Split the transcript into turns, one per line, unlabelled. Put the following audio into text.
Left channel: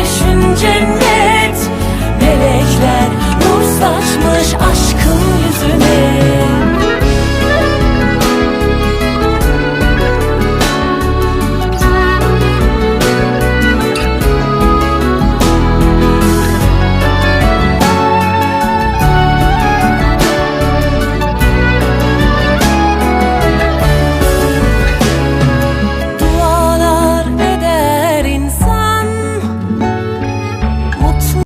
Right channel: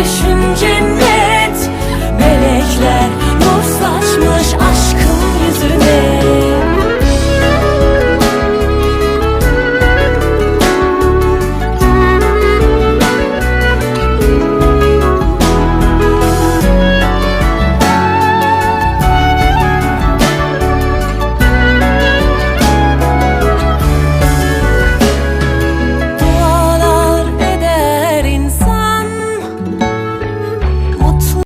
Gülüşün cennet Melekler nur saçmış aşk